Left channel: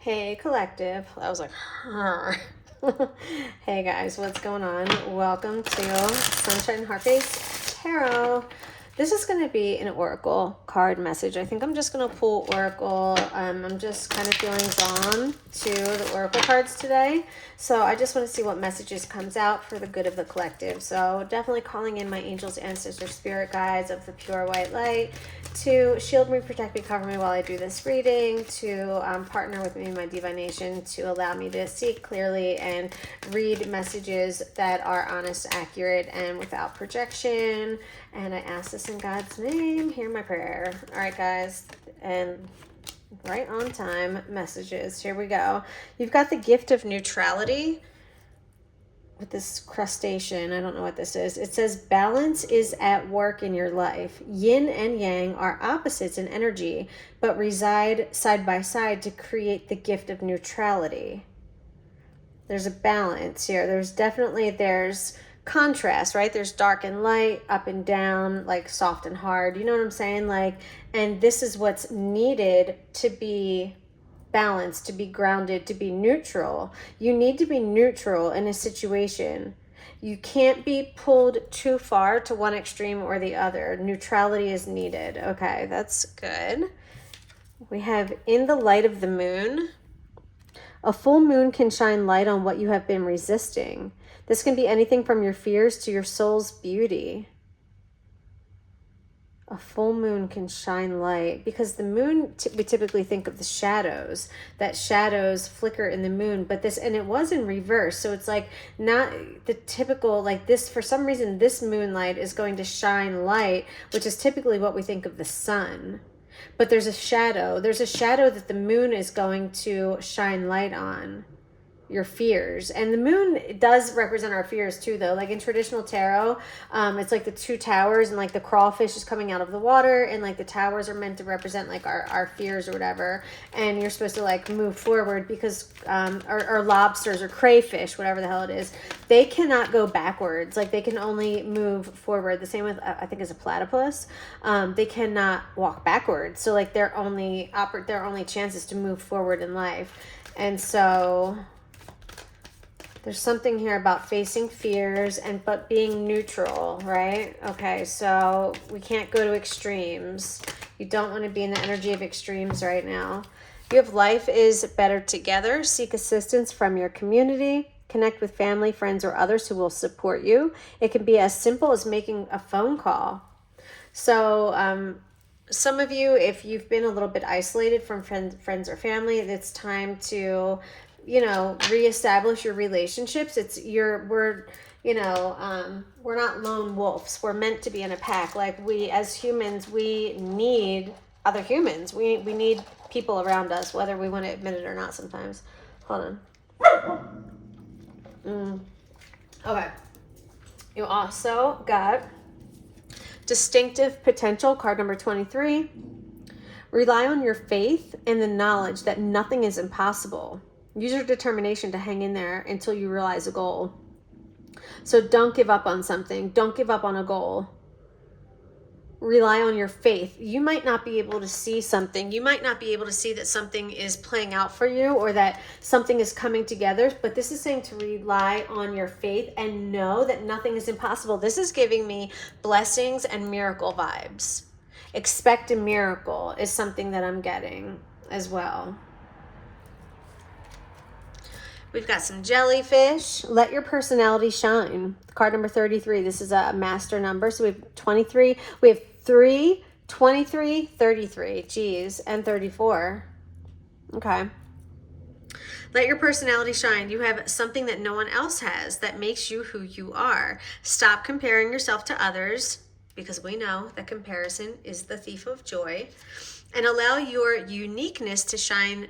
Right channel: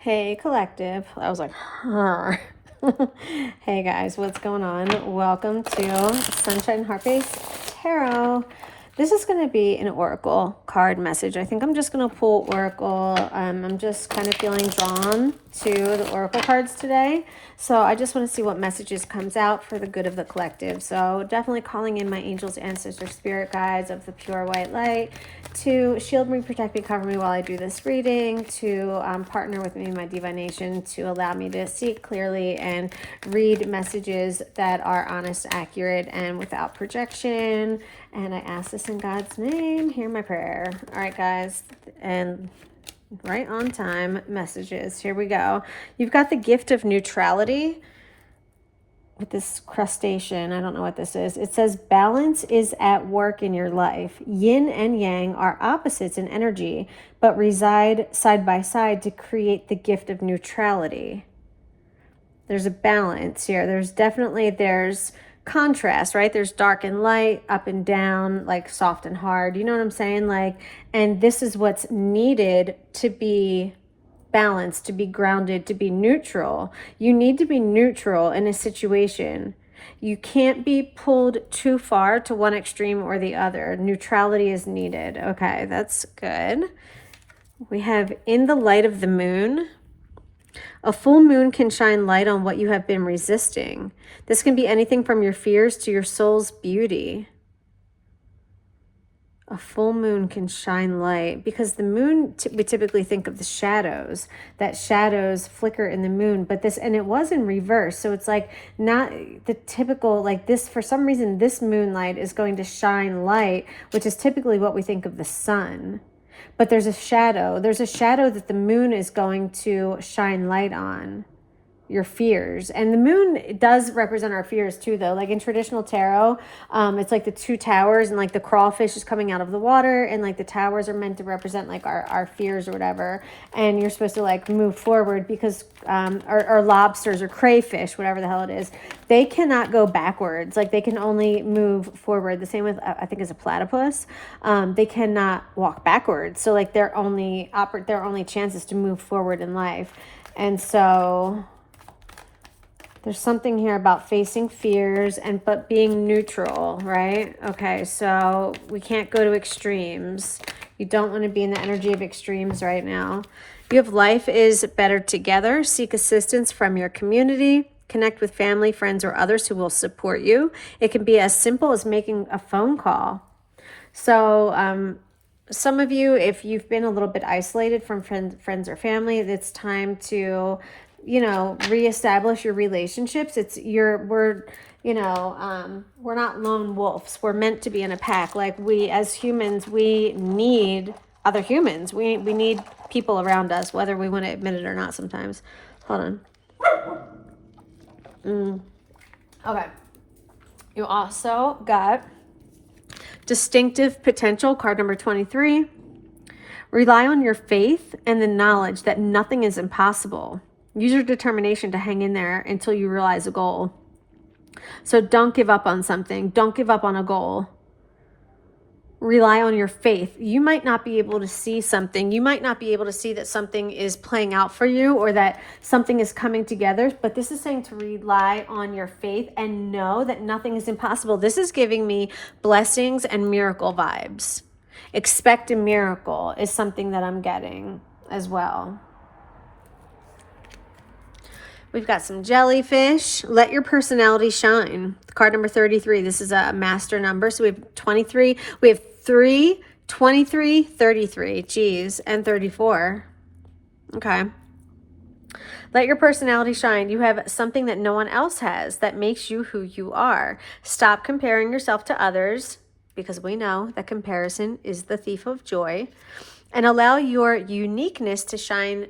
Hey, collective. I was like, huh. Hey guys, what's going on? Welcome to Sunshine Heartbeats Tarot. This is going to be an oracle card message. I think I'm just going to pull oracle. I'm just kind of feeling drawn to the oracle cards today. So I just want to see what messages comes out for the good of the collective. So definitely calling in my angels, ancestors, spirit guides of the pure white light to shield me, protect me, cover me while I do this reading, to partner with me in my divination, to allow me to see clearly and read messages that are honest, accurate, and without projection. And I ask this in God's name. Hear my prayer. All right, guys. And right on time messages. Here we go. You've got the gift of neutrality with this crustacean. I don't know what this is. It says balance is at work in your life. Yin and yang are opposites in energy, but reside side by side to create the gift of neutrality. There's a balance here. There's contrast, right? There's dark and light, up and down, like soft and hard. You know what I'm saying? Like, and this is what's needed to be balanced, to be grounded, to be neutral. You need to be neutral in a situation. You can't be pulled too far to one extreme or the other. Neutrality is needed. Okay, that's good. We have in the light of the moon. A full moon can shine light on what you have been resisting. This can be anything from your fears to your soul's beauty. A full moon can shine light because the moon, we typically think of the shadows, that shadows flicker in the moon, but this, and it was in reverse. So it's like not the typical, like this, for some reason, this moonlight is going to shine light, which is typically what we think of the sun. But there's a shadow that the moon is going to shine light on. Your fears. And the moon does represent our fears too, though. Like in traditional tarot, it's like the two towers, and like the crawfish is coming out of the water, and like the towers are meant to represent like our fears or whatever. And you're supposed to like move forward because or lobsters or crayfish, whatever the hell it is, they cannot go backwards. Like they can only move forward. The same with I think is a platypus. They cannot walk backwards. So like their only chance is to move forward in life. And so there's something here about facing fears but being neutral, right? Okay, so we can't go to extremes. You don't want to be in the energy of extremes right now. You have life is better together. Seek assistance from your community. Connect with family, friends, or others who will support you. It can be as simple as making a phone call. So some of you, if you've been a little bit isolated from friends or family, it's time to reestablish your relationships. We're not lone wolves. We're meant to be in a pack. Like we as humans, we need other humans. We need people around us, whether we want to admit it or not sometimes. Hold on. Okay. You also got distinctive potential, card number 23. Rely on your faith and the knowledge that nothing is impossible. Use your determination to hang in there until you realize a goal. So don't give up on something. Don't give up on a goal. Rely on your faith. You might not be able to see something. You might not be able to see that something is playing out for you or that something is coming together. But this is saying to rely on your faith and know that nothing is impossible. This is giving me blessings and miracle vibes. Expect a miracle is something that I'm getting as well. We've got some jellyfish. Let your personality shine. Card number 33. This is a master number. So we have 23. We have 3, 23, 33. Geez, and 34. Okay. Let your personality shine. You have something that no one else has that makes you who you are. Stop comparing yourself to others, because we know that comparison is the thief of joy. And allow your uniqueness to shine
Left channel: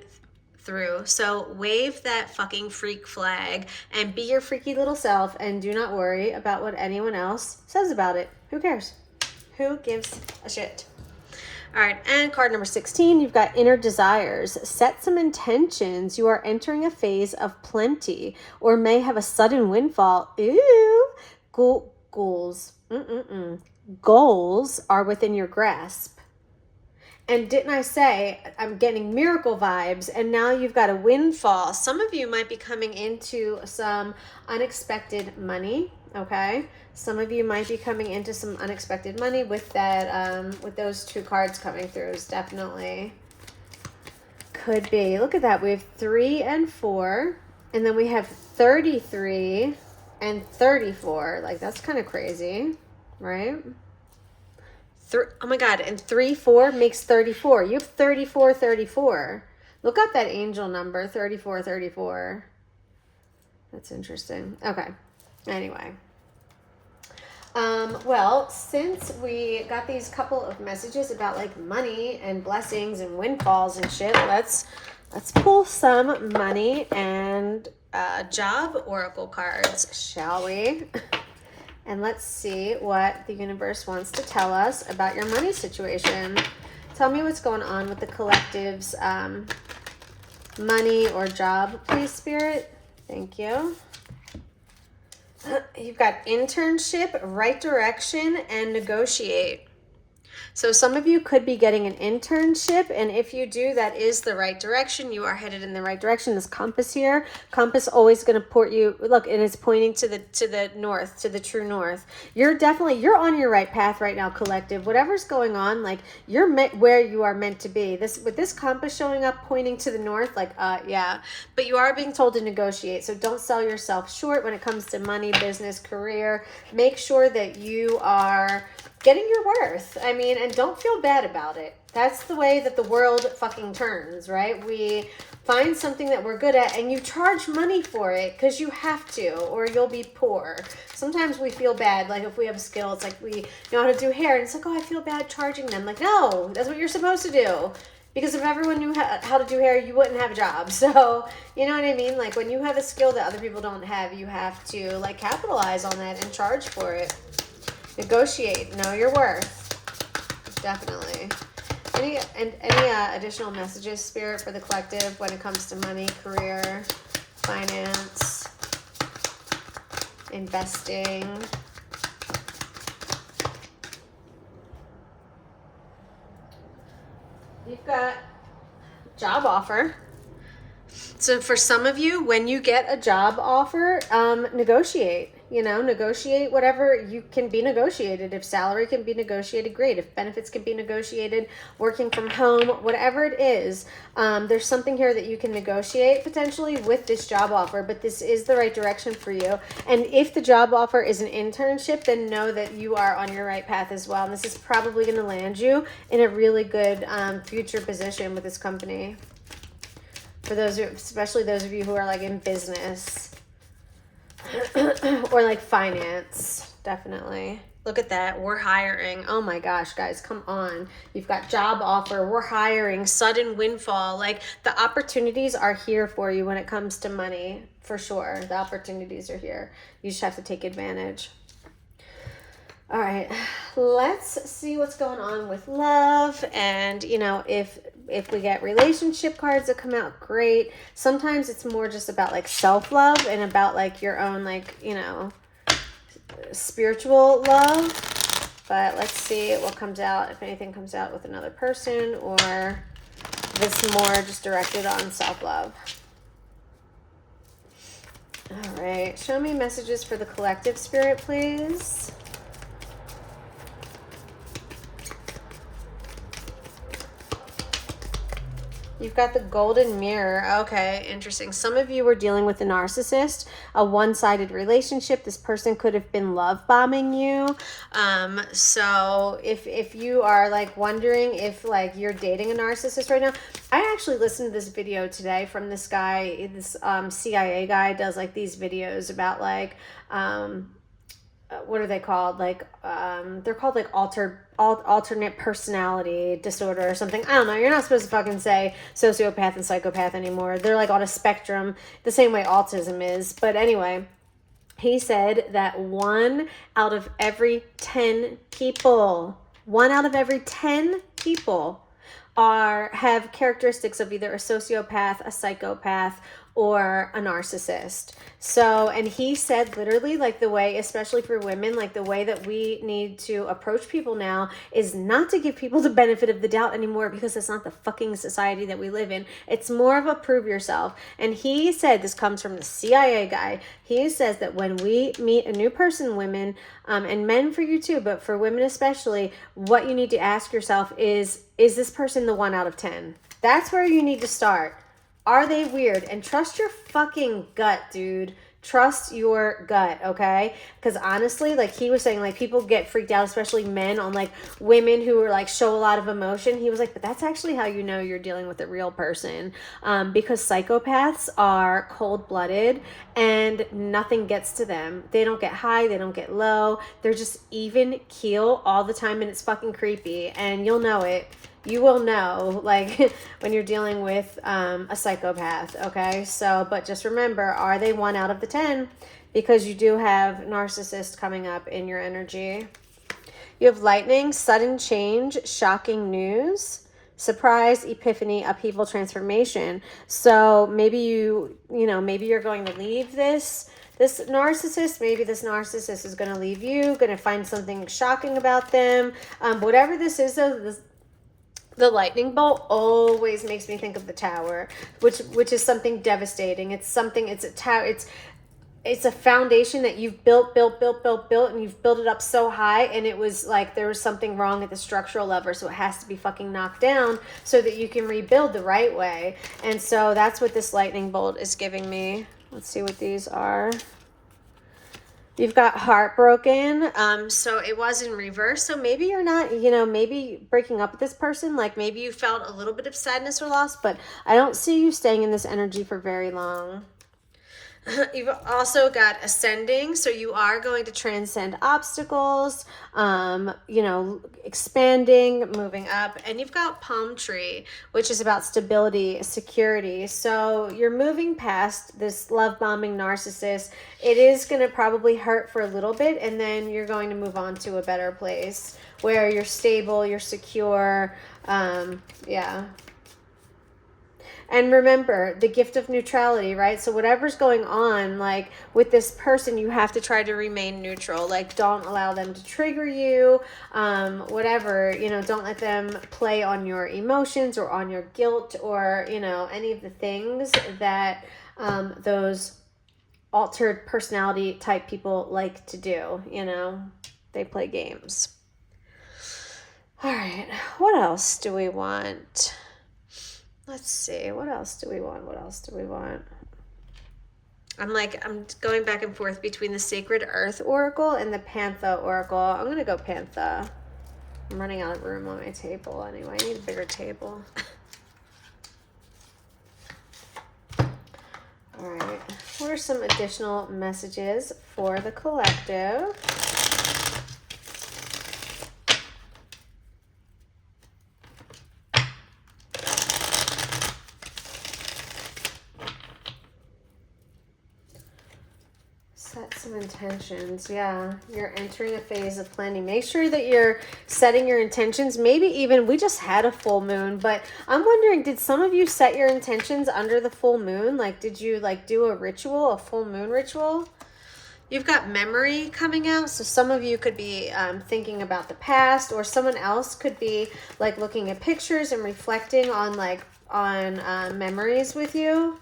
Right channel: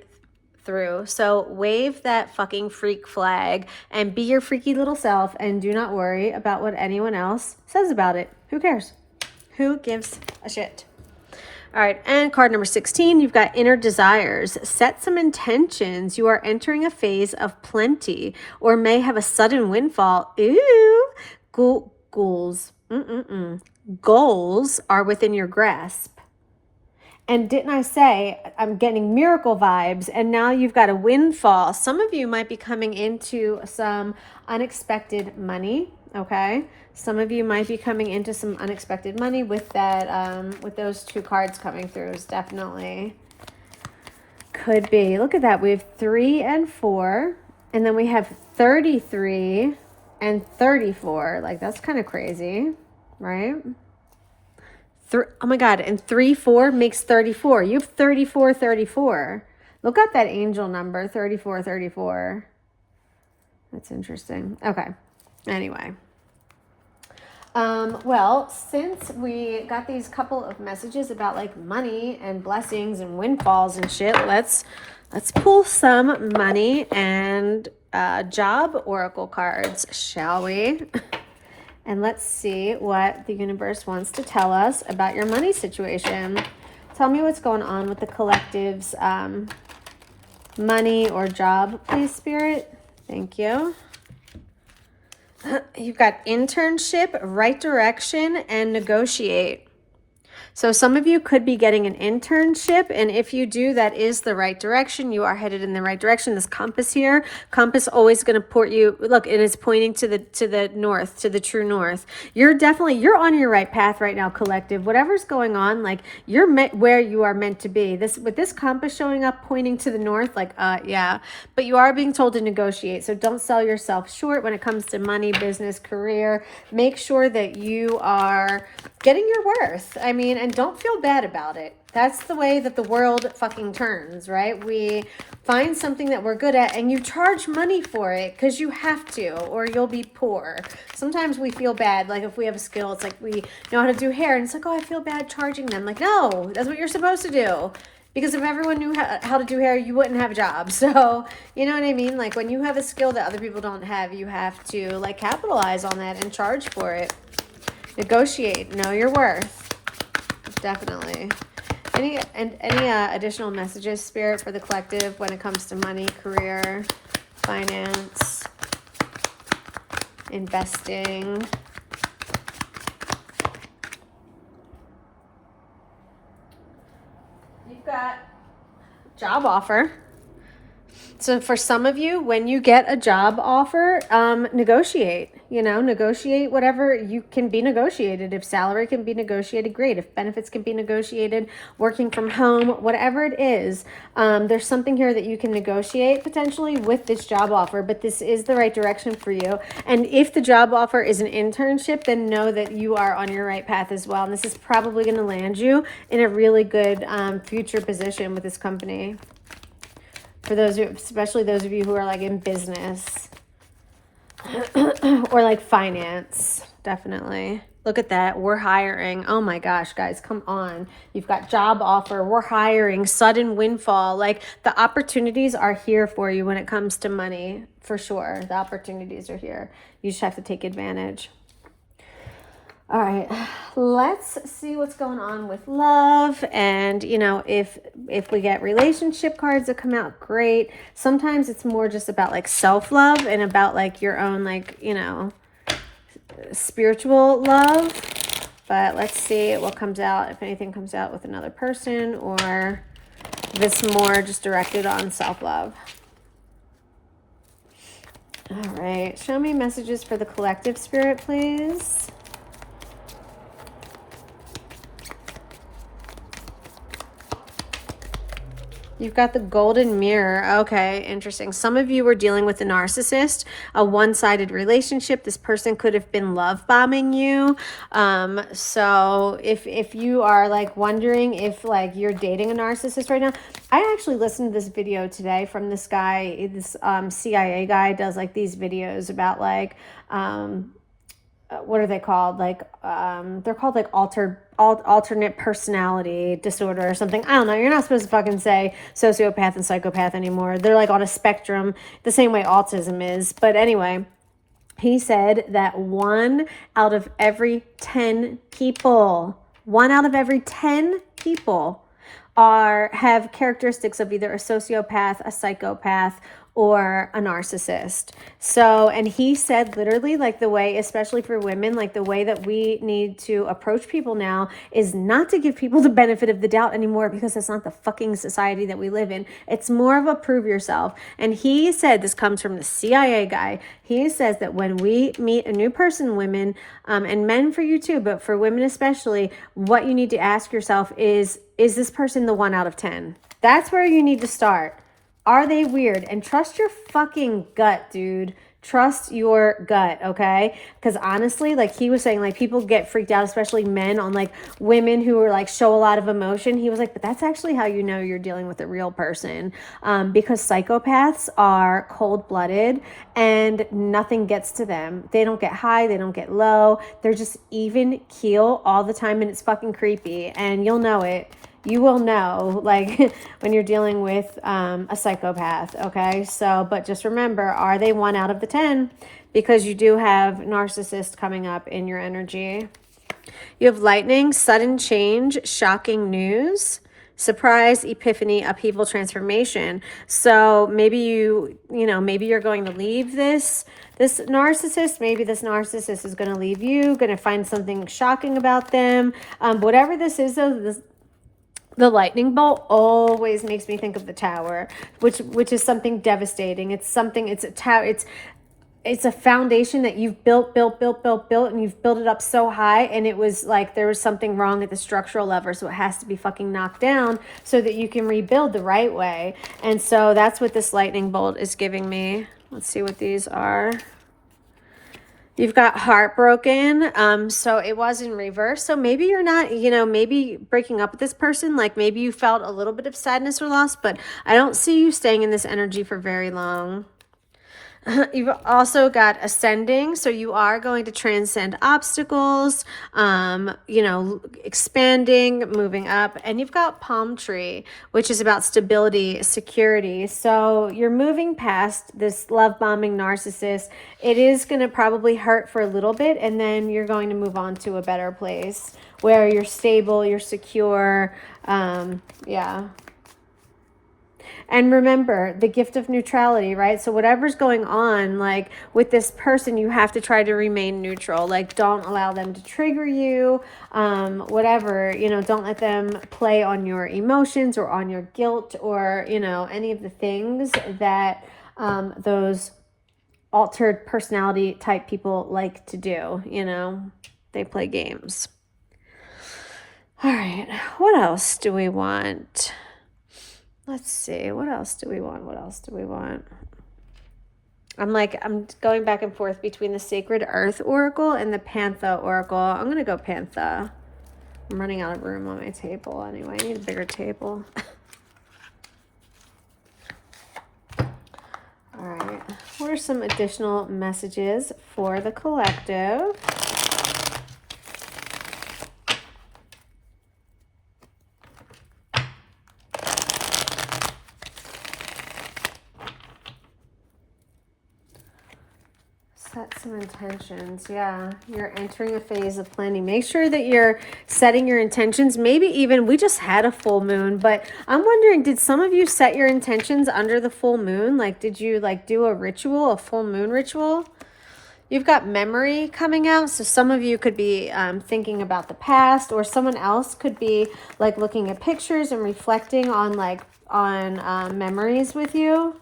through. So wave that fucking freak flag and be your freaky little self, and do not worry about what anyone else says about it. Who cares? Who gives a shit? All right, and card number 16, you've got inner desires. Set some intentions. You are entering a phase of plenty or may have a sudden windfall. Ooh, goals. Goals are within your grasp. And didn't I say I'm getting miracle vibes, and now you've got a windfall. Some of you might be coming into some unexpected money, okay? Some of you might be coming into some unexpected money with that, with those two cards coming through. Is definitely could be. Look at that. We have 3 and 4, and then we have 33 and 34. Like, that's kind of crazy, right? Oh my God, and 3, 4 makes 34. You have 34, 34. Look up that angel number, 34, 34. That's interesting. Okay, anyway. Well, since we got these couple of messages about like money and blessings and windfalls and shit, let's pull some money and job oracle cards, shall we? And let's see what the universe wants to tell us about your money situation. Tell me what's going on with the collective's money or job, please, Spirit. Thank you. You've got internship, right direction, and negotiate. So some of you could be getting an internship, and if you do, that is the right direction. You are headed in the right direction. This compass here, compass always going to port you. Look, it is pointing to the north, to the true north. You're on your right path right now, collective. Whatever's going on, like you're meant where you are meant to be. With this compass showing up pointing to the north, like yeah. But you are being told to negotiate. So don't sell yourself short when it comes to money, business, career. Make sure that you are getting your worth. I mean, and don't feel bad about it. That's the way that the world fucking turns, right? We find something that we're good at and you charge money for it because you have to, or you'll be poor. Sometimes we feel bad, like if we have a skill, it's like we know how to do hair and it's like, oh, I feel bad charging them. Like, no, that's what you're supposed to do. Because if everyone knew how to do hair, you wouldn't have a job. So, you know what I mean? Like when you have a skill that other people don't have, you have to like capitalize on that and charge for it. Negotiate, know your worth. Definitely. Any additional messages, Spirit, for the collective when it comes to money, career, finance, investing? You've got job offer. So for some of you, when you get a job offer, negotiate. Negotiate whatever you can be negotiated. If salary can be negotiated, great. If benefits can be negotiated, working from home, whatever it is, there's something here that you can negotiate potentially with this job offer, but this is the right direction for you. And if the job offer is an internship, then know that you are on your right path as well. And this is probably going to land you in a really good future position with this company. For those, especially those of you who are like in business or like finance, definitely. Look at that. We're hiring. Oh my gosh, guys, come on. You've got job offer. We're hiring. Sudden windfall. Like the opportunities are here for you when it comes to money, for sure. The opportunities are here. You just have to take advantage. All right, let's see what's going on with love. And, if we get relationship cards that come out, great. Sometimes it's more just about like self-love and about like your own, like, spiritual love. But let's see what comes out, if anything comes out with another person or this more just directed on self-love. All right, show me messages for the collective, Spirit, please. You've got the golden mirror. Okay, interesting. Some of you were dealing with a narcissist, a one-sided relationship. This person could have been love bombing you. So if you are like wondering if like you're dating a narcissist right now, I actually listened to this video today from this guy, this CIA guy does like these videos about like, what are they called? Like, they're called like alternate personality disorder or something. I don't know. You're not supposed to fucking say sociopath and psychopath anymore. They're like on a spectrum the same way autism is. But anyway, he said that 1 out of every 10 people have characteristics of either a sociopath, a psychopath, or a narcissist. So, and he said literally, like, the way, especially for women, like the way that we need to approach people now is not to give people the benefit of the doubt anymore, because that's not the fucking society that we live in. It's more of a prove yourself. And he said, this comes from the CIA guy, he says that when we meet a new person, women, and men for you too, but for women especially, what you need to ask yourself is this person the 1 out of 10? That's where you need to start. Are they weird? And trust your fucking gut, dude. Trust your gut, okay? Because honestly, like he was saying, like people get freaked out, especially men, on like women who are like show a lot of emotion. He was like, but that's actually how you know you're dealing with a real person, because psychopaths are cold-blooded and nothing gets to them. They don't get high, they don't get low. They're just even keel all the time, and it's fucking creepy. And you'll know it. You will know, like, when you're dealing with a psychopath, okay? So, but just remember, are they 1 out of the 10? Because you do have narcissists coming up in your energy. You have lightning, sudden change, shocking news, surprise, epiphany, upheaval, transformation. So maybe maybe you're going to leave this narcissist. Maybe this narcissist is going to leave you, going to find something shocking about them. Whatever this is, though, the lightning bolt always makes me think of the tower, which is something devastating. It's something, it's a tower, it's a foundation that you've built, and you've built it up so high, and it was like there was something wrong at the structural level, so it has to be fucking knocked down so that you can rebuild the right way. And so that's what this lightning bolt is giving me. Let's see what these are. You've got heartbroken. So it was in reverse. So maybe you're not, maybe breaking up with this person, like maybe you felt a little bit of sadness or loss, but I don't see you staying in this energy for very long. You've also got ascending, so you are going to transcend obstacles, expanding, moving up. And you've got palm tree, which is about stability, security. So you're moving past this love bombing narcissist. It is going to probably hurt for a little bit, and then you're going to move on to a better place where you're stable, you're secure. Yeah. And remember the gift of neutrality, right? So whatever's going on, like with this person, you have to try to remain neutral. Like, don't allow them to trigger you, whatever, don't let them play on your emotions or on your guilt or, any of the things that those altered personality type people like to do, they play games. All right, what else do we want? Let's see. What else do we want? I'm going back and forth between the Sacred Earth Oracle and the Pantha Oracle. I'm going to go Pantha. I'm running out of room on my table anyway. I need a bigger table. All right. What are some additional messages for the collective? Set some intentions. Yeah, you're entering a phase of planning. Make sure that you're setting your intentions. Maybe even, we just had a full moon, but I'm wondering, did some of you set your intentions under the full moon? Like, did you do a ritual, a full moon ritual? You've got memory coming out, so some of you could be thinking about the past, or someone else could be like looking at pictures and reflecting on memories with you.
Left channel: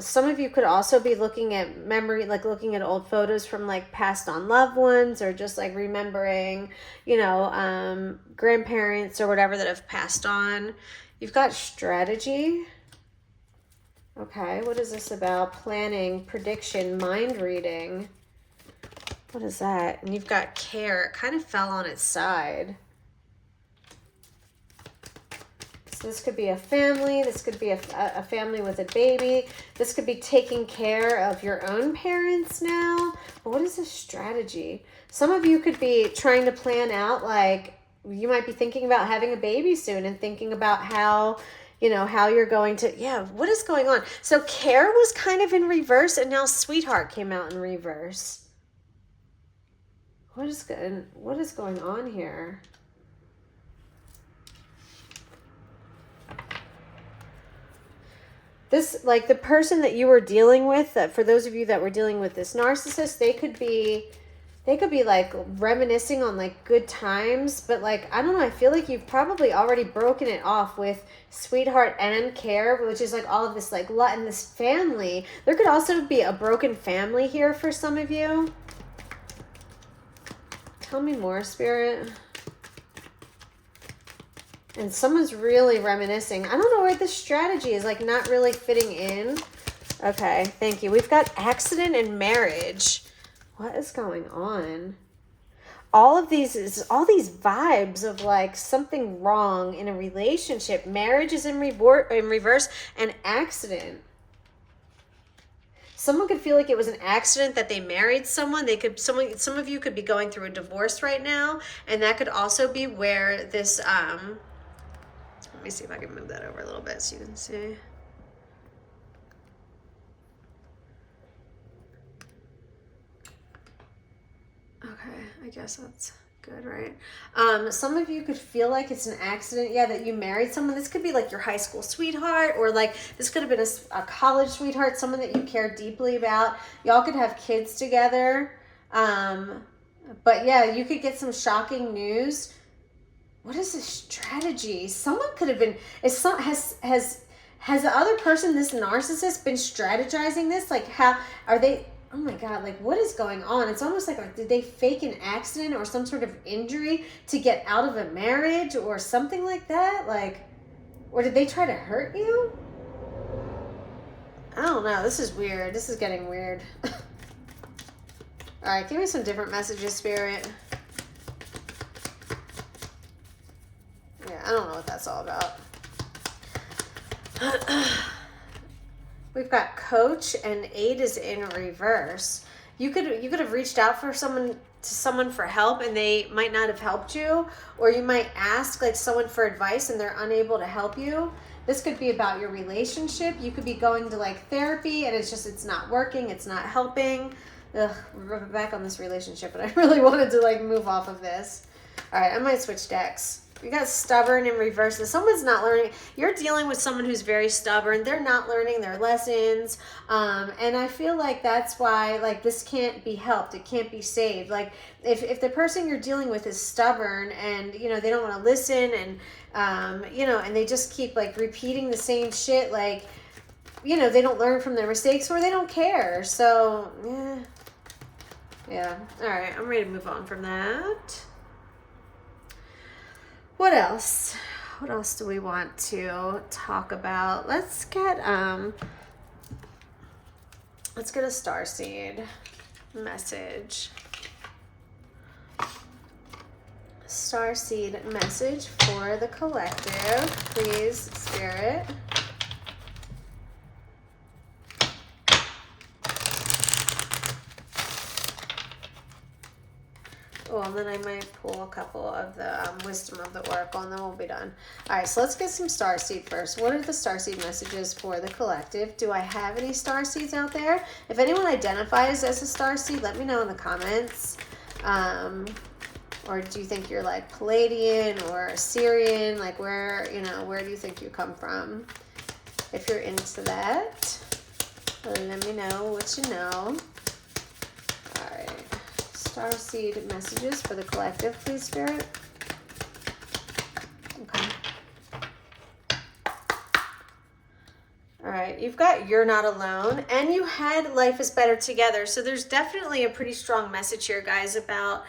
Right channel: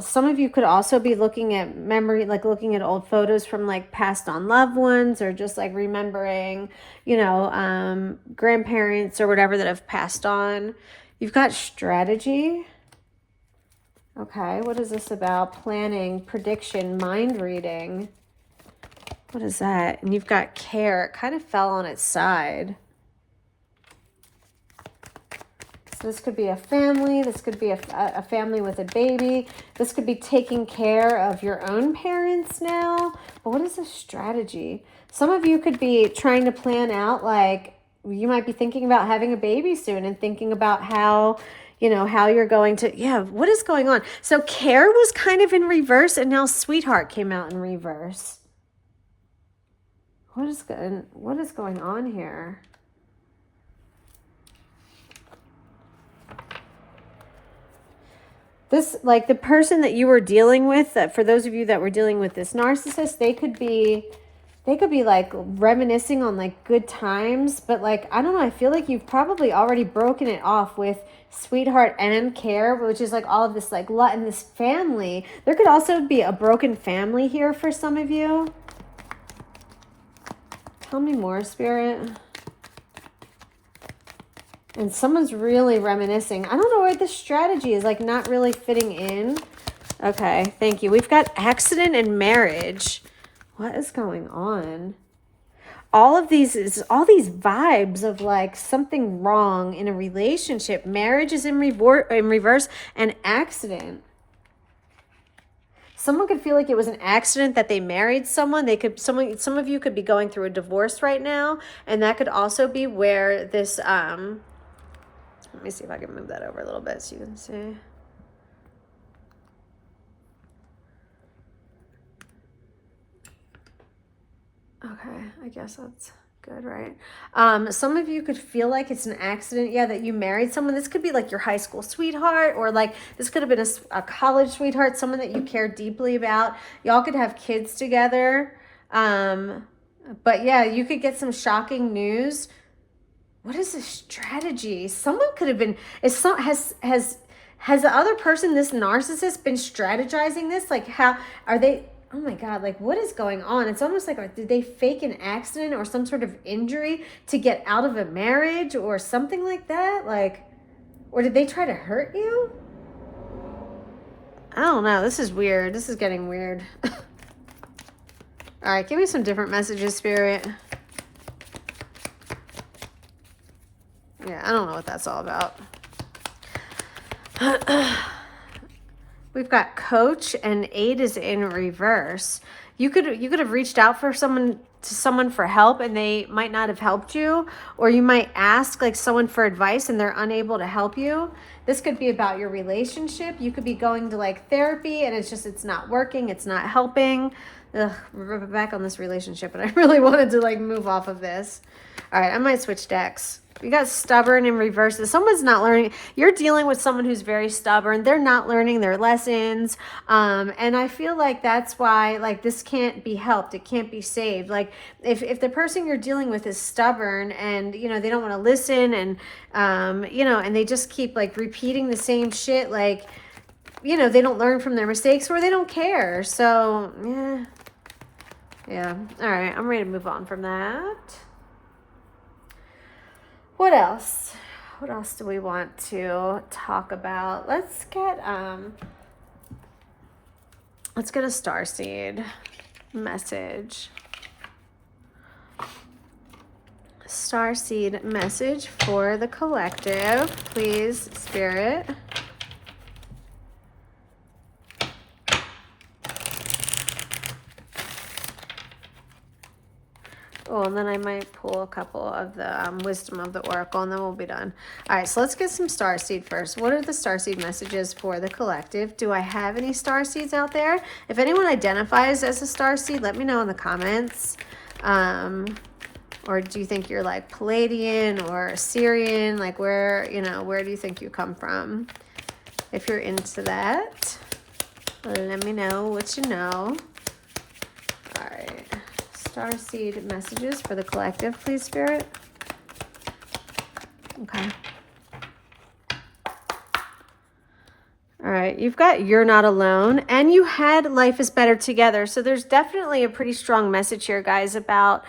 Some of you could also be looking at memory, like looking at old photos from like passed on loved ones, or just like remembering, grandparents or whatever that have passed on. You've got strategy. Okay, what is this about? Planning, prediction, mind reading. What is that? And you've got care. It kind of fell on its side. This could be a family. This could be a family with a baby. This could be taking care of your own parents now. But what is a strategy? Some of you could be trying to plan out, like, you might be thinking about having a baby soon and thinking about how, how you're going to, what is going on? So care was kind of in reverse, and now sweetheart came out in reverse. What is going on here? This, like the person that you were dealing with, for those of you that were dealing with this narcissist, they could be like reminiscing on like good times, but like, I don't know, I feel like you've probably already broken it off with sweetheart and care, which is like all of this like lot in this family. There could also be a broken family here for some of you. Tell me more, Spirit. And someone's really reminiscing. I don't know why this strategy is like not really fitting in. Okay, thank you. We've got accident and marriage. What is going on? All these vibes of like something wrong in a relationship. Marriage is in reverse, and accident. Someone could feel like it was an accident that they married someone. Some of you could be going through a divorce right now, and that could also be where this let me see if I can move that over a little bit so you can see. Okay, I guess that's good, right? Some of you could feel like it's an accident, yeah, that you married someone. This could be like your high school sweetheart, or like this could have been a college sweetheart, someone that you care deeply about. Y'all could have kids together. But yeah, you could get some shocking news. What is this strategy? Someone could have been, has the other person, this narcissist, been strategizing this? Like, how are they, oh my God, like what is going on? It's almost like, did they fake an accident or some sort of injury to get out of a marriage or something like that? Like, or did they try to hurt you? I don't know. This is weird. This is getting weird. All right, give me some different messages, Spirit. I don't know what that's all about. We've got coach and 8 is in reverse. You could have reached out for someone for help and they might not have helped you, or you might ask like someone for advice and they're unable to help you. This could be about your relationship. You could be going to like therapy and it's not working, it's not helping. Ugh, we're back on this relationship and I really wanted to like move off of this. All right, I might switch decks. We got stubborn in reverse. Someone's not learning. You're dealing with someone who's very stubborn. They're not learning their lessons. And I feel like that's why like this can't be helped. It can't be saved. Like if the person you're dealing with is stubborn and, you know, they don't want to listen and, you know, and they just keep like repeating the same shit, like, you know, they don't learn from their mistakes or they don't care. So, yeah. All right, I'm ready to move on from that. What else? What else do we want to talk about? Let's get a starseed message. Starseed message for the collective, please, Spirit. Oh, and then I might pull a couple of the wisdom of the oracle, and then we'll be done. All right, so let's get some starseed first. What are the starseed messages for the collective? Do I have any starseeds out there? If anyone identifies as a starseed, let me know in the comments. Or do you think you're like Palladian or Syrian? Like where do you think you come from? If you're into that, let me know what you know. Starseed messages for the collective, please, Spirit. Okay. All right, you've got you're not alone, and you had life is better together. So there's definitely a pretty strong message here, guys, about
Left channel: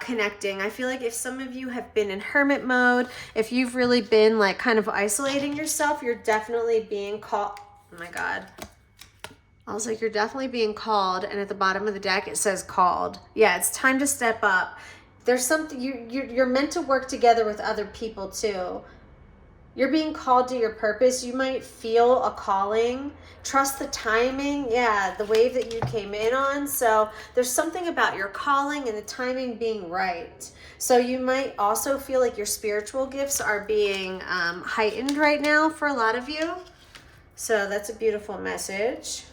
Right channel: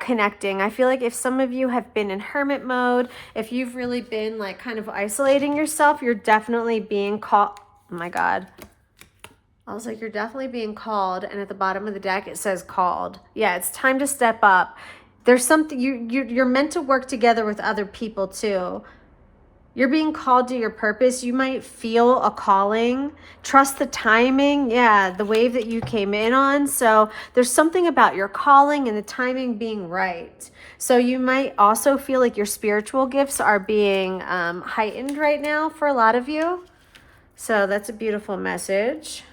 connecting. I feel like if some of you have been in hermit mode, if you've really been like kind of isolating yourself, you're definitely being called. Oh my God. I was like, you're definitely being called, and at the bottom of the deck it says called. Yeah, it's time to step up. There's something you're meant to work together with other people too. You're being called to your purpose. You might feel a calling. Trust the timing. Yeah, the wave that you came in on. So there's something about your calling and the timing being right. So you might also feel like your spiritual gifts are being heightened right now for a lot of you. So that's a beautiful message.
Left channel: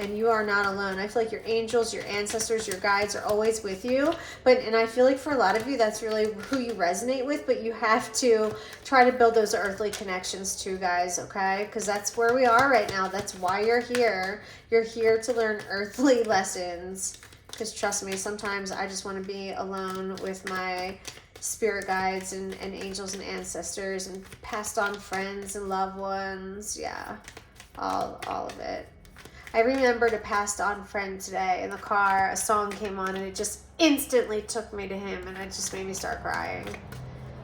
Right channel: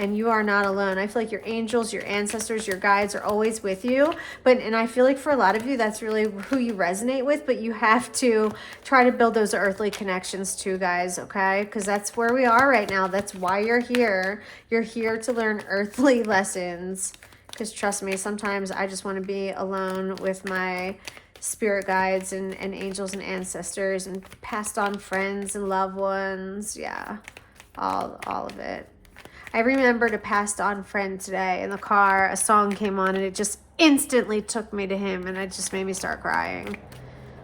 and you are not alone. I feel like your angels, your ancestors, your guides are always with you. And I feel like for a lot of you, that's really who you resonate with, but you have to try to build those earthly connections too, guys, okay? Because that's where we are right now. That's why you're here. You're here to learn earthly lessons. Because trust me, sometimes I just want to be alone with my spirit guides and angels and ancestors and passed on friends and loved ones. Yeah, all of it. I remembered a passed on friend today in the car. A song came on and it just instantly took me to him, and it just made me start crying.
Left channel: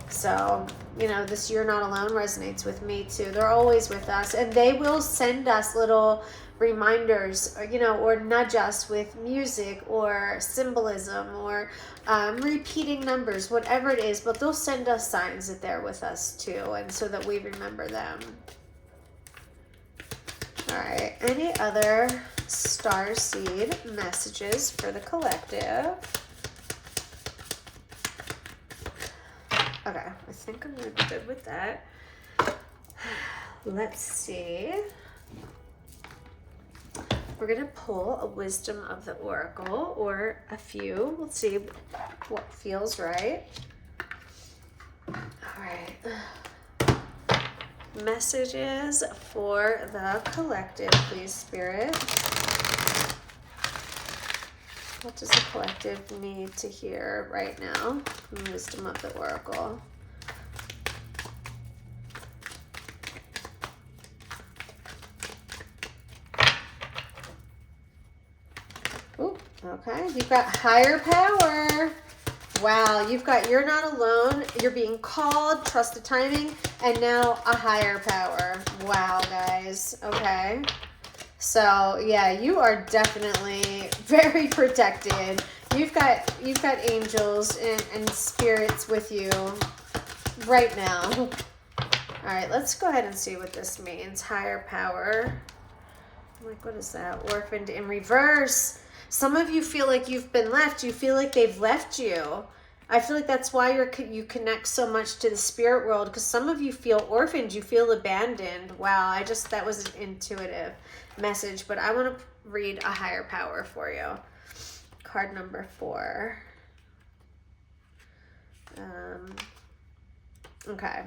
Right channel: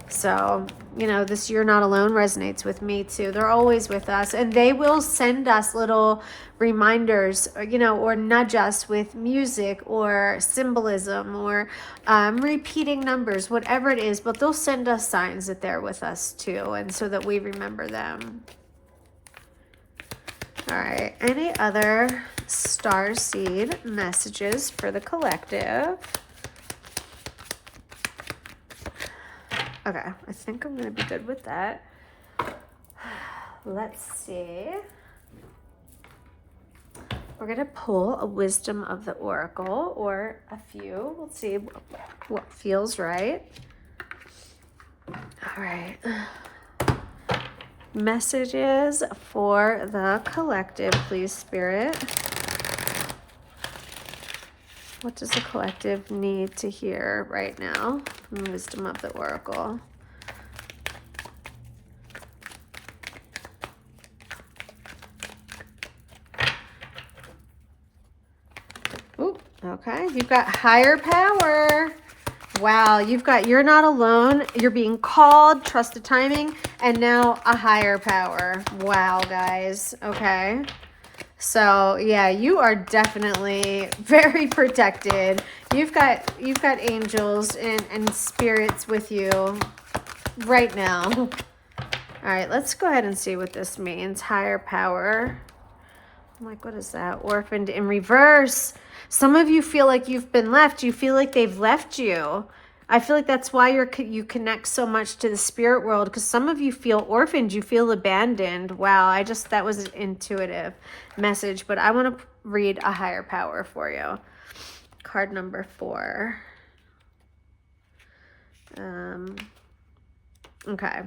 So, you know, this "You're Not Alone" resonates with me too. They're always with us, and they will send us little reminders, you know, or nudge us with music or symbolism or repeating numbers, whatever it is, but they'll send us signs that they're with us too, and so that we remember them. All right, any other starseed messages for the collective? Okay, I think I'm gonna be good with that. Let's see. We're gonna pull a wisdom of the oracle, or a few. We'll see what feels right. All right. Messages for the collective, please, Spirit. What does the collective need to hear right now? Wisdom of the oracle. Ooh, okay, you've got higher power. Wow, you've got "You're Not Alone," you're being called, trusted timing, and now a higher power. Wow, guys. Okay. So yeah, you are definitely very protected. You've got angels and spirits with you right now. All right, let's go ahead and see what this means. Higher power. I'm like, what is that? Orphaned in reverse. Some of you feel like you've been left. You feel like they've left you. I feel like that's why you connect so much to the spirit world, because some of you feel orphaned. You feel abandoned. Wow, that was an intuitive message, but I want to read a higher power for you. Card number 4. Okay.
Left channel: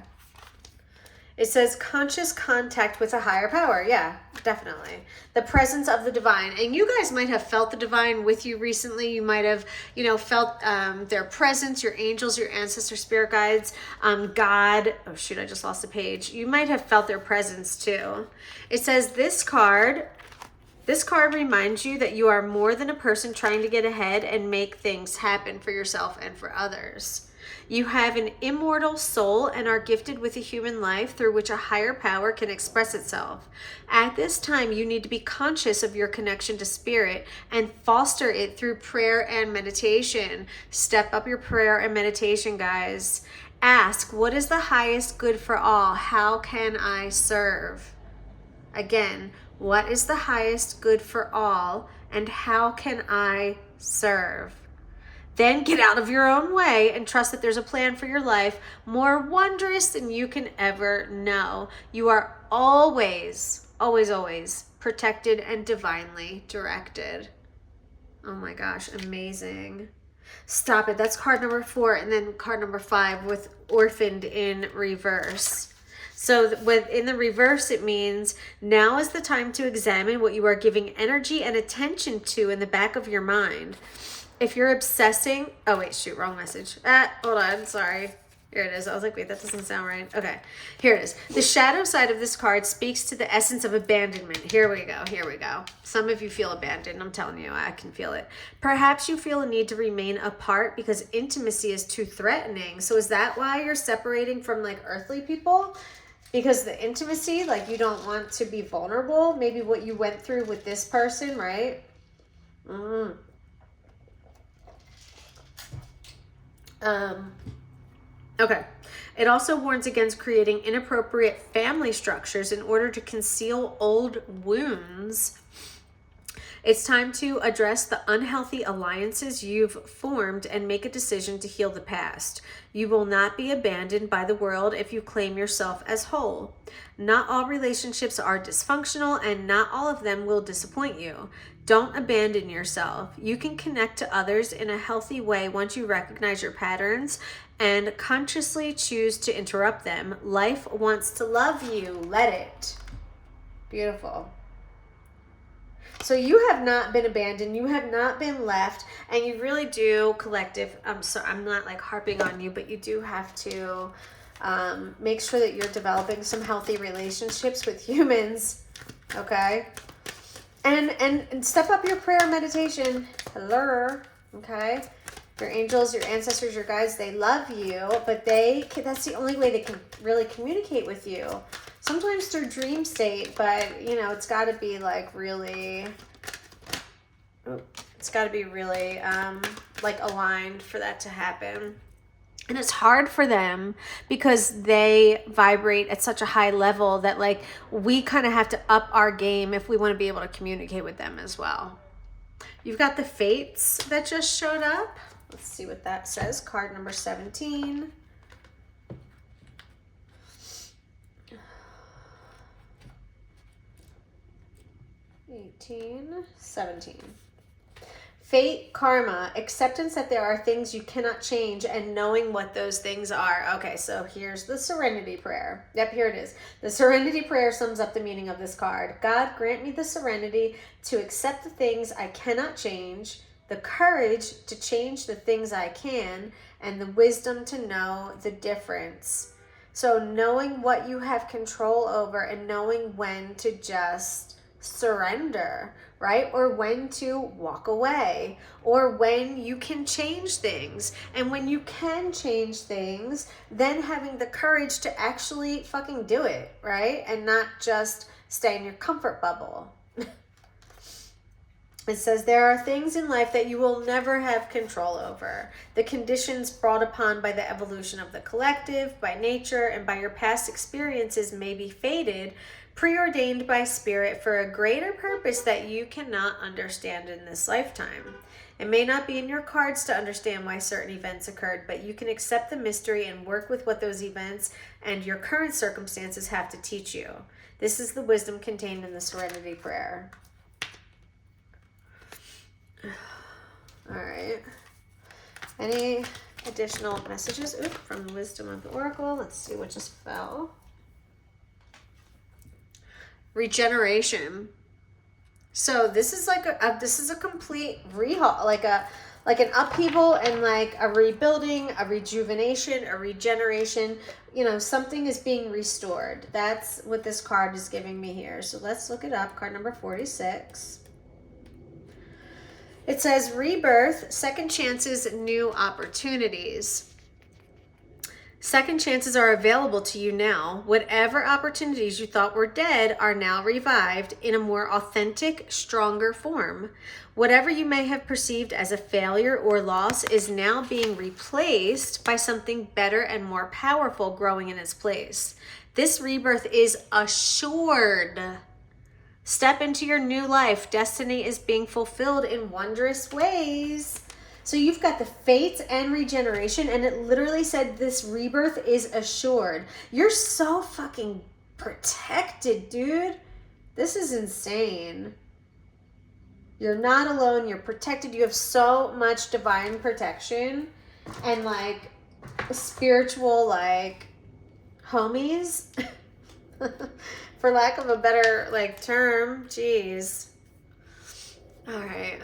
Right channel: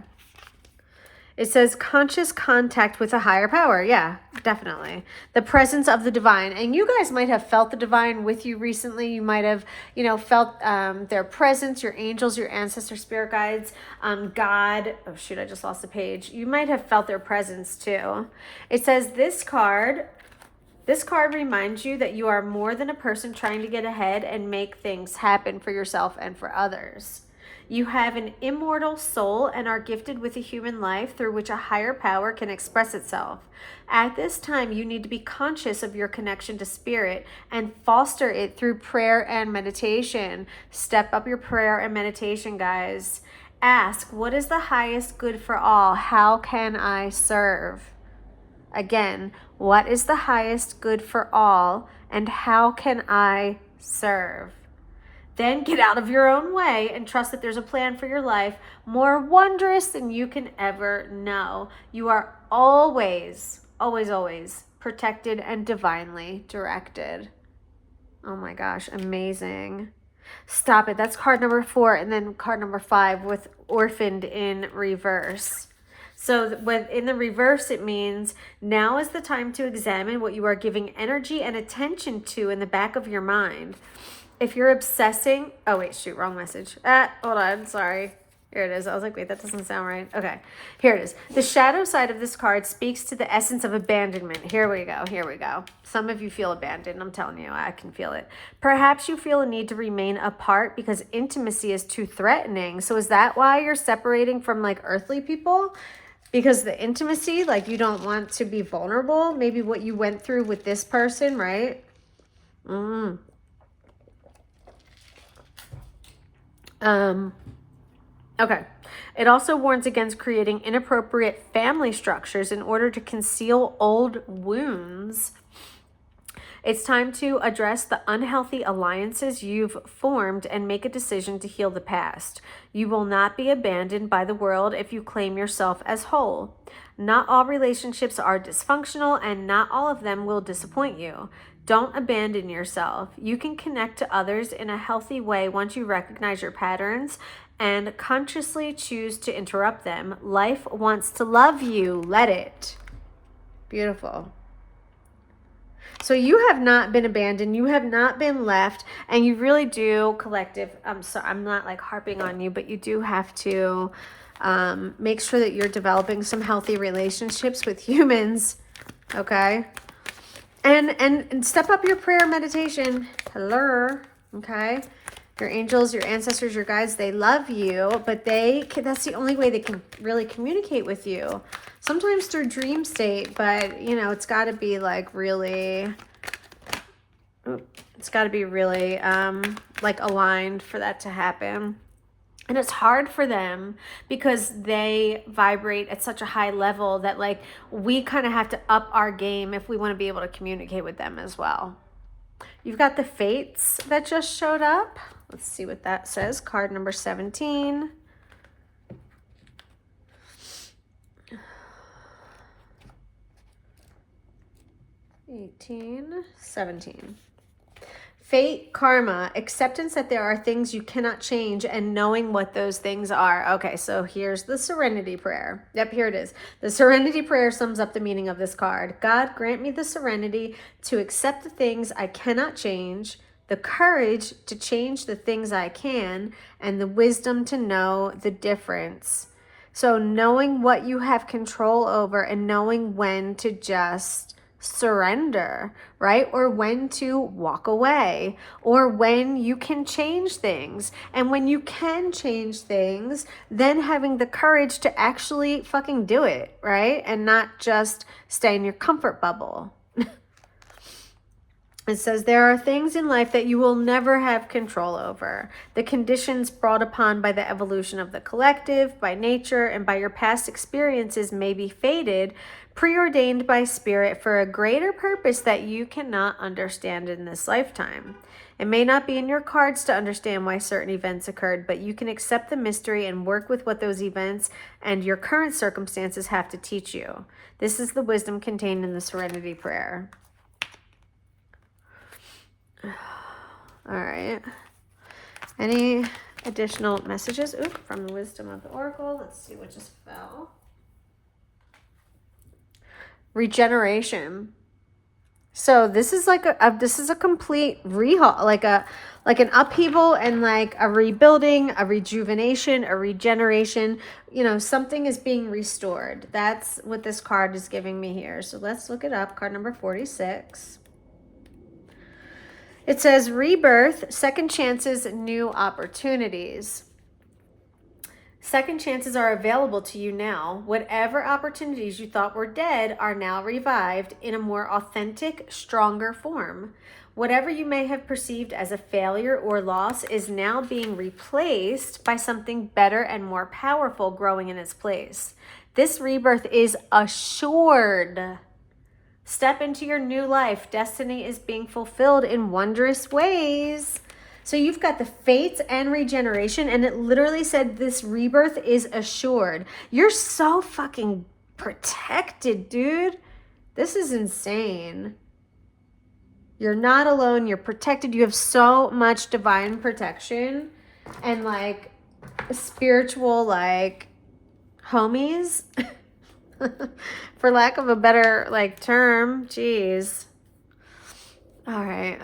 It says conscious contact with a higher power. Yeah, definitely. The presence of the divine. And you guys might have felt the divine with you recently. You might have, you know, felt their presence, your angels, your ancestor, spirit guides, God. Oh, shoot, I just lost a page. You might have felt their presence too. It says this card reminds you that you are more than a person trying to get ahead and make things happen for yourself and for others. You have an immortal soul and are gifted with a human life through which a higher power can express itself. At this time, you need to be conscious of your connection to spirit and foster it through prayer and meditation. Step up your prayer and meditation, guys. Ask, what is the highest good for all? How can I serve? Again, what is the highest good for all, and how can I serve? Then get out of your own way and trust that there's a plan for your life more wondrous than you can ever know. You are always, always, always protected and divinely directed. Oh my gosh, amazing. Stop it. That's card number 4, and then card number 5 with orphaned in reverse. So in the reverse, it means now is the time to examine what you are giving energy and attention to in the back of your mind. If you're obsessing, oh wait, shoot, wrong message. Hold on, sorry. Here it is. I was like, wait, that doesn't sound right. Okay, here it is. The shadow side of this card speaks to the essence of abandonment. Here we go. Some of you feel abandoned. I'm telling you, I can feel it. Perhaps you feel a need to remain apart because intimacy is too threatening. So is that why you're separating from like earthly people? Because the intimacy, like you don't want to be vulnerable. Maybe what you went through with this person, right? Okay. It also warns against creating inappropriate family structures in order to conceal old wounds. It's time to address the unhealthy alliances you've formed and make a decision to heal the past. You will not be abandoned by the world if you claim yourself as whole. Not all relationships are dysfunctional, and not all of them will disappoint you. Don't abandon yourself. You can connect to others in a healthy way once you recognize your patterns and consciously choose to interrupt them. Life wants to love you. Let it. Beautiful. So you have not been abandoned. You have not been left. And you really do, collective, I'm not like harping on you, but you do have to make sure that you're developing some healthy relationships with humans. Okay? And step up your prayer meditation. Hello. Okay? Your angels, your ancestors, your guides, they love you, but that's the only way they can really communicate with you. Sometimes through dream state, but you know, it's got to be like really, like aligned for that to happen. And it's hard for them because they vibrate at such a high level that like we kind of have to up our game if we want to be able to communicate with them as well. You've got the fates that just showed up. Let's see what that says. Card number 17. 18, 17. Fate, karma, acceptance that there are things you cannot change, and knowing what those things are. Okay, so here's the serenity prayer. Yep, here it is. The serenity prayer sums up the meaning of this card. God, grant me the serenity to accept the things I cannot change, the courage to change the things I can, and the wisdom to know the difference. So knowing what you have control over and knowing when to just surrender, right? Or when to walk away, or when you can change things. And when you can change things, then having the courage to actually fucking do it, right? And not just stay in your comfort bubble. It says there are things in life that you will never have control over. The conditions brought upon by the evolution of the collective, by nature, and by your past experiences may be fated, preordained by spirit for a greater purpose that you cannot understand in this lifetime. It may not be in your cards to understand why certain events occurred, but you can accept the mystery and work with what those events and your current circumstances have to teach you. This is the wisdom contained in the Serenity Prayer. All right. Any additional messages from the wisdom of the oracle? Let's see what just fell. Regeneration. So this is like this is a complete rehaul, like an upheaval and like a rebuilding, a rejuvenation, a regeneration. You know, something is being restored. That's what this card is giving me here. So let's look it up. Card number 46. It says rebirth, second chances, new opportunities. Second chances are available to you now. Whatever opportunities you thought were dead are now revived in a more authentic, stronger form. Whatever you may have perceived as a failure or loss is now being replaced by something better and more powerful growing in its place. This rebirth is assured. Step into your new life. Destiny is being fulfilled in wondrous ways. So you've got the fates and regeneration, and it literally said this rebirth is assured. You're so fucking protected, dude. This is insane. You're not alone. You're protected. You have so much divine protection and like spiritual like homies. For lack of a better like term. Jeez. All right.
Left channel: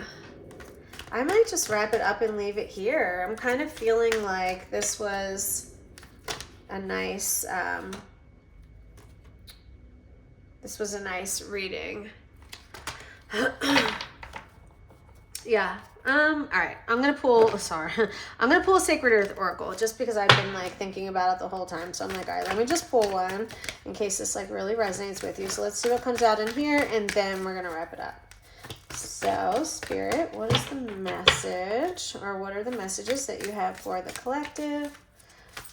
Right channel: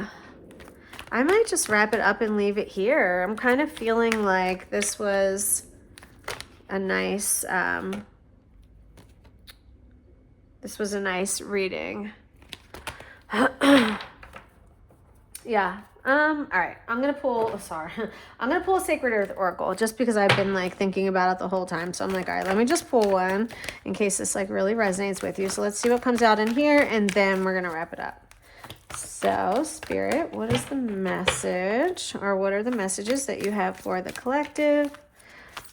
I might just wrap it up and leave it here. I'm kind of feeling like this was a nice reading. Yeah. All right. I'm going to pull a Sacred Earth Oracle just because I've been like thinking about it the whole time. So I'm like, all right, let me just pull one in case this like really resonates with you. So let's see what comes out in here and then we're going to wrap it up. So, Spirit, what is the message, or what are the messages that you have for the collective?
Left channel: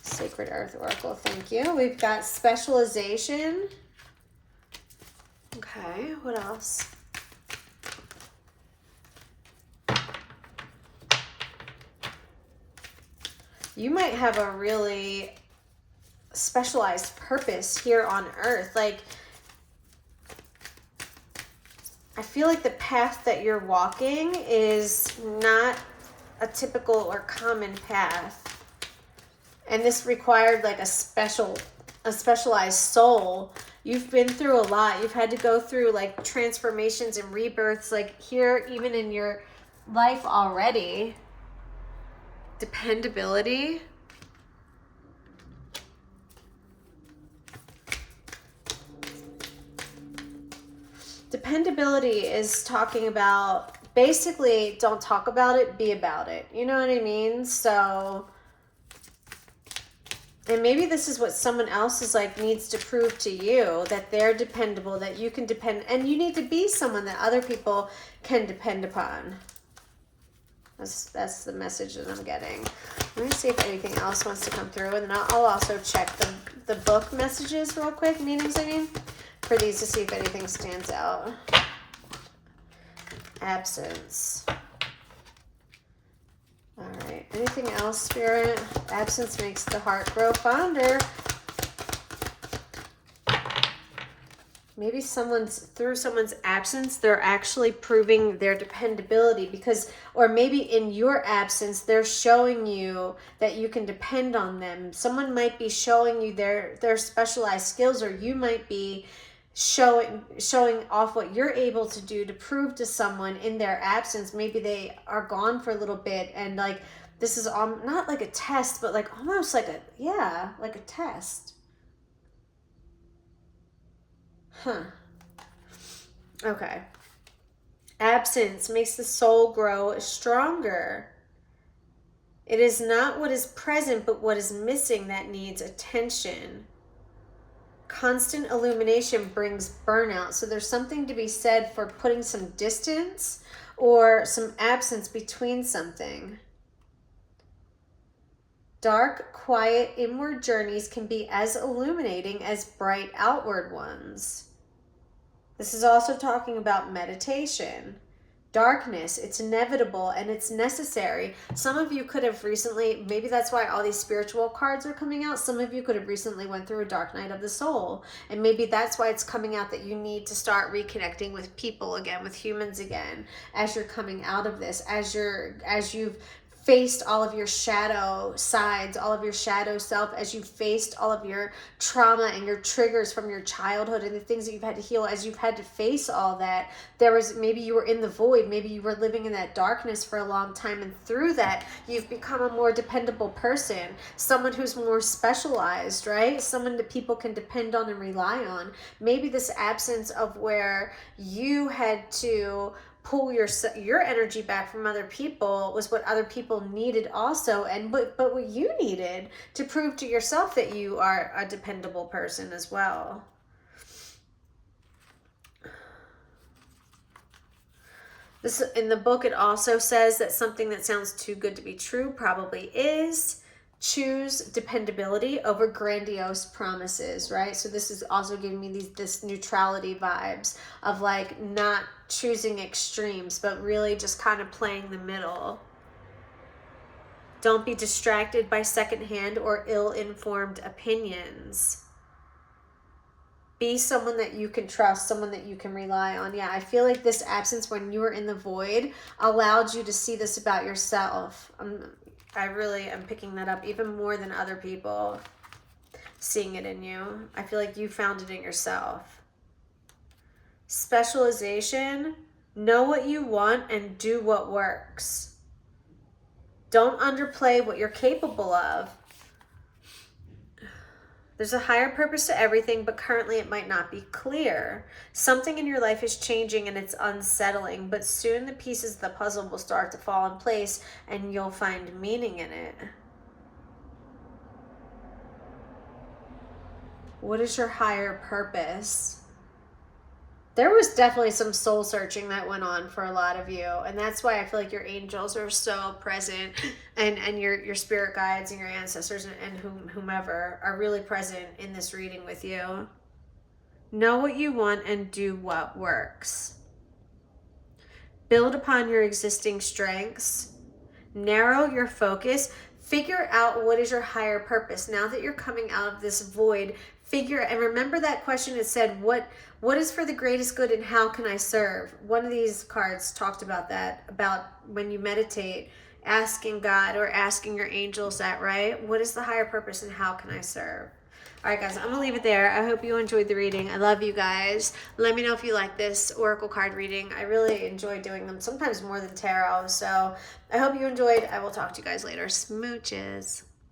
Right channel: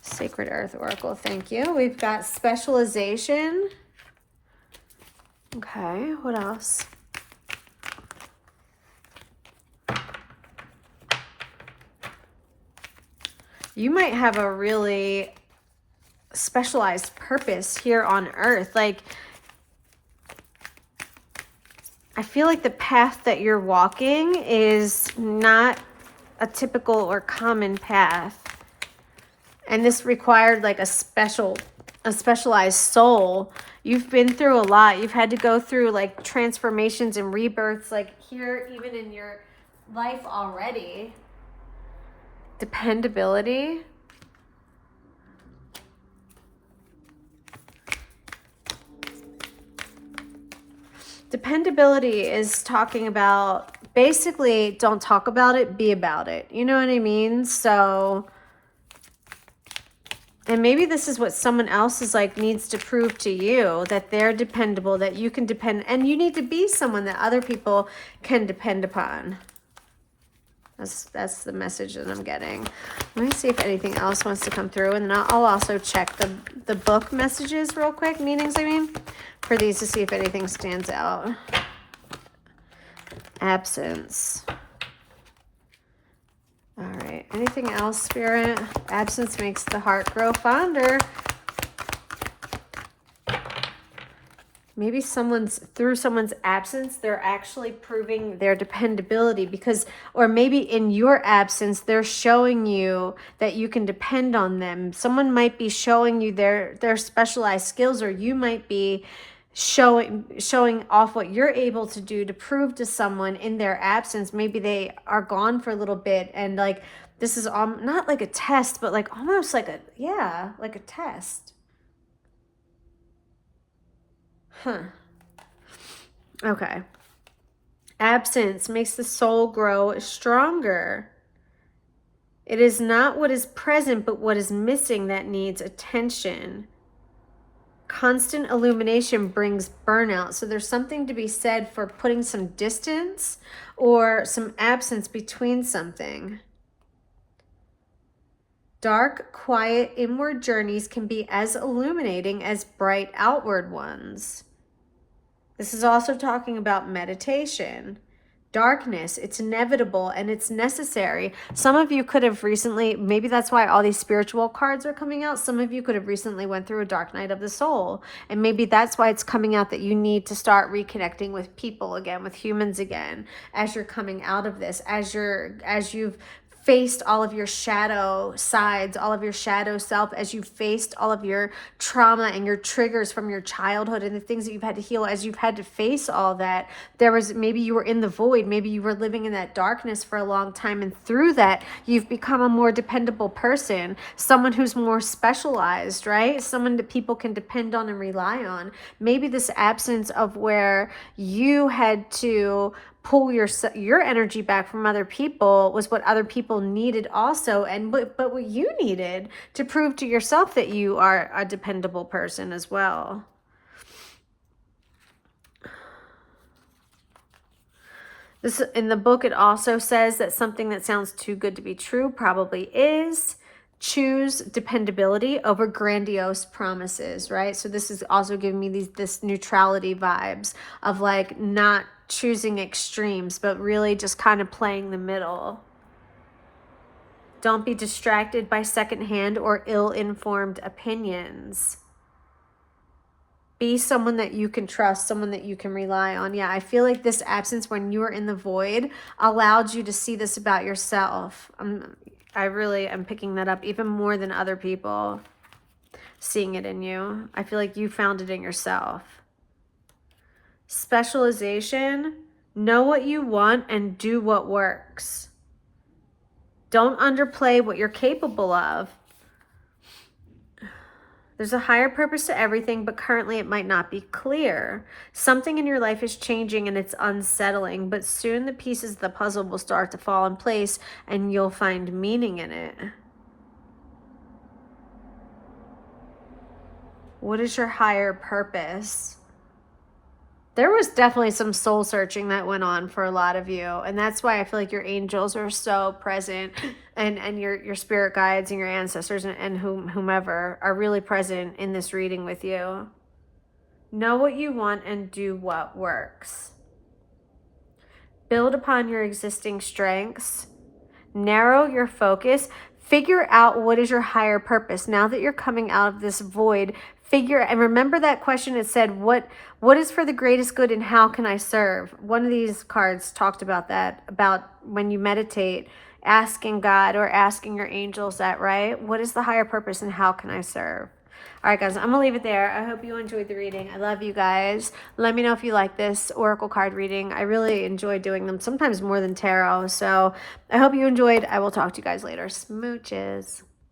Sacred Earth Oracle, thank you. We've got specialization. Okay, what else? You might have a really specialized purpose here on earth. Like, I feel like the path that you're walking is not a typical or common path. And this required like a specialized soul. You've been through a lot. You've had to go through like transformations and rebirths, like here, even in your life already. Dependability. Dependability is talking about basically don't talk about it, be about it. You know what I mean? So, and maybe this is what someone else is like needs to prove to you, that they're dependable, that you can depend, and you need to be someone that other people can depend upon. That's the message that I'm getting. Let me see if anything else wants to come through, and then I'll also check the book messages real quick, meanings I mean, for these to see if anything stands out. Absence. All right, anything else, Spirit? Absence makes the heart grow fonder. Maybe through someone's absence, they're actually proving their dependability because, or maybe in your absence, they're showing you that you can depend on them. Someone might be showing you their specialized skills, or you might be showing off what you're able to do to prove to someone in their absence. Maybe they are gone for a little bit, and like, this is not like a test, but like almost like like a test. Huh. Okay. Absence makes the soul grow stronger. It is not what is present, but what is missing that needs attention. Constant illumination brings burnout. So there's something to be said for putting some distance or some absence between something. Dark, quiet, inward journeys can be as illuminating as bright outward ones. This is also talking about meditation. Darkness, it's inevitable and it's necessary. Some of you could have recently, maybe that's why all these spiritual cards are coming out. Some of you could have recently went through a dark night of the soul. And maybe that's why it's coming out, that you need to start reconnecting with people again, with humans again, as you're coming out of this, as you've faced all of your shadow sides, all of your shadow self, as you've faced all of your trauma and your triggers from your childhood and the things that you've had to heal, as you've had to face all that. Maybe you were in the void, maybe you were living in that darkness for a long time, and through that you've become a more dependable person, someone who's more specialized, right? Someone that people can depend on and rely on. Maybe this absence of where you had to pull your energy back from other people was what other people needed also, and but what you needed to prove to yourself that you are a dependable person as well. This, in the book, it also says that something that sounds too good to be true probably is. Choose dependability over grandiose promises, right? So this is also giving me this neutrality vibes of like not choosing extremes, but really just kind of playing the middle. Don't be distracted by secondhand or ill-informed opinions. Be someone that you can trust, someone that you can rely on. Yeah, I feel like this absence when you were in the void allowed you to see this about yourself. I really am picking that up even more than other people seeing it in you. I feel like you found it in yourself. Specialization, know what you want and do what works. Don't underplay what you're capable of. There's a higher purpose to everything, but currently it might not be clear. Something in your life is changing and it's unsettling, but soon the pieces of the puzzle will start to fall in place and you'll find meaning in it. What is your higher purpose? There was definitely some soul searching that went on for a lot of you. And that's why I feel like your angels are so present, and your spirit guides and your ancestors and whomever are really present in this reading with you. Know what you want and do what works. Build upon your existing strengths. Narrow your focus. Figure out what is your higher purpose. Now that you're coming out of this void, and remember that question. It said, what is for the greatest good and how can I serve? One of these cards talked about that, about when you meditate, asking God or asking your angels that, right? What is the higher purpose and how can I serve? All right, guys, I'm going to leave it there. I hope you enjoyed the reading. I love you guys. Let me know if you like this oracle card reading. I really enjoy doing them, sometimes more than tarot. So I hope you enjoyed. I will talk to you guys later. Smooches.